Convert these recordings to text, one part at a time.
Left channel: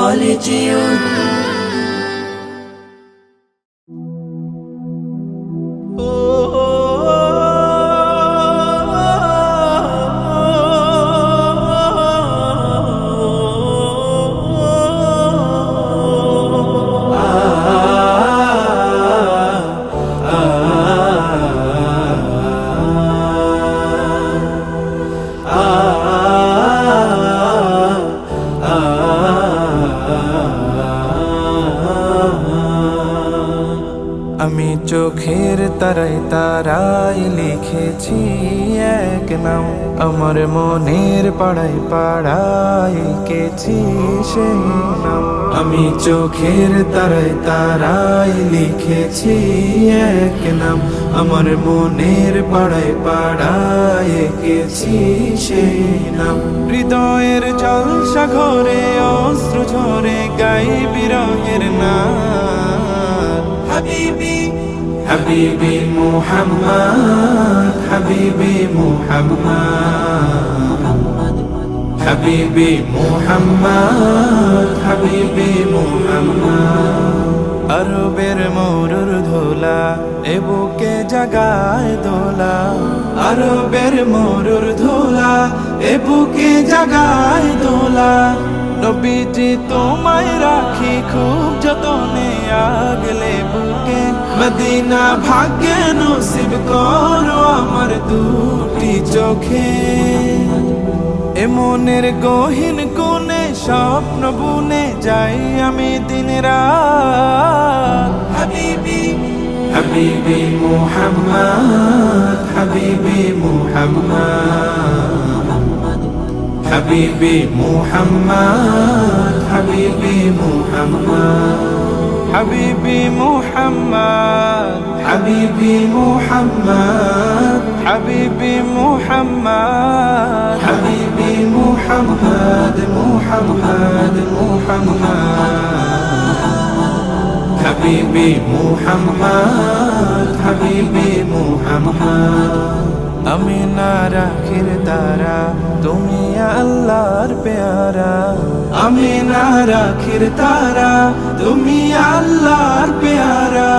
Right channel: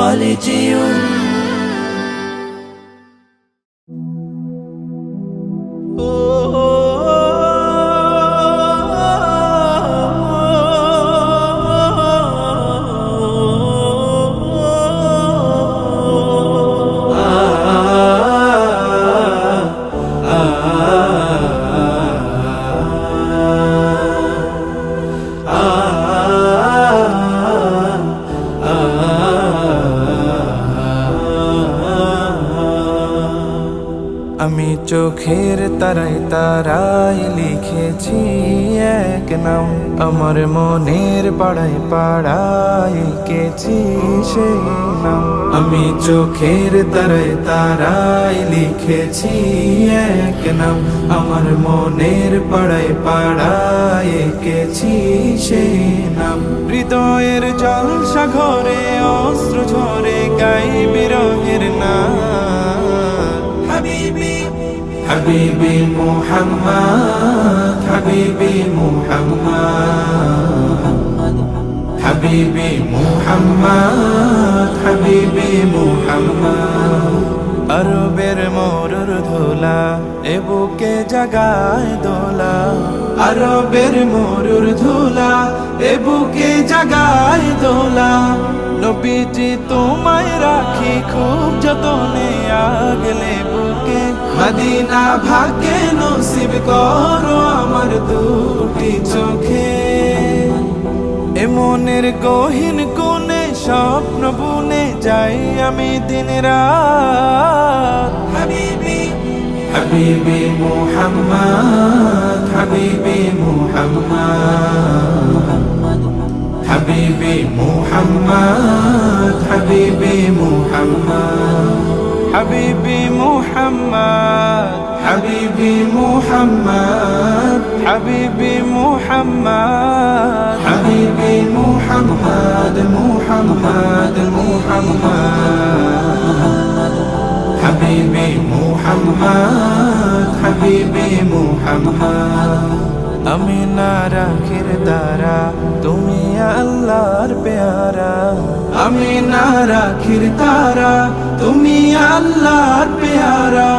خالدون আমি চোখের তারাই তারাই লিখেছি এক নাম। আমার মনের পাড়ায় পাড়াই কেছি সেই নাম। আমি চোখের তারাই তারাই লিখেছি এক নাম। আমার মনের পাড়ায় পাড়ায় কেছি সেই নাম। হৃদয়ের জলসা ঘরে অস্ত্র ঝরে গাই বিরহের নাম। حبيبي محمد حبيبي محمد محمد حبيبي محمد حبيبي محمد আরবের মরুর ধোলা এ বুকে জাগায় দোলা আরবের মরুর ধোলা এ বুকে জাগায় দোলা নবীজি তোমায় রাখি খুব যতনে আগলে বুকে। মদিনা ভাগ্যে নসিব করো আমার দুটি চোখে। এ মনের গহীন কোণে স্বপ্ন বুনে যাই আমি দিন রাত হাবিবি হাবিবি মুহাম্মদ হাবিবি মুহাম্মদ। حبيبي محمد حبيبي محمد. حبيبي محمد. حبيبي محمد. حبيبي محمد. حبيبي محمد محمد محمد. حبيبي محمد حبيبي محمد. আমি না রাখির তারা তুমি আল্লাহর পেয়ারা। আমি না রাখির তারা তুমি আল্লাহর পেয়ারা।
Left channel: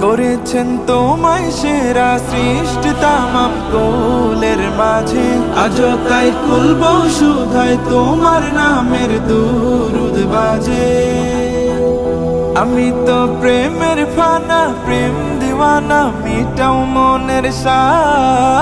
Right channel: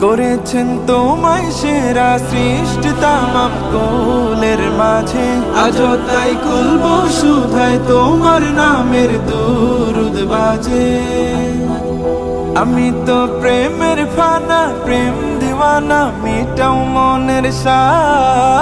করেছেন তোমায় সেরা সৃষ্টি তামাম কোলের মাঝে। আজও তাই কুলব সুধাই তোমার নামের দুরুদ বাজে। আমি তো প্রেমের ফানা প্রেম দিওয়ানা মিটাও মনের সাথ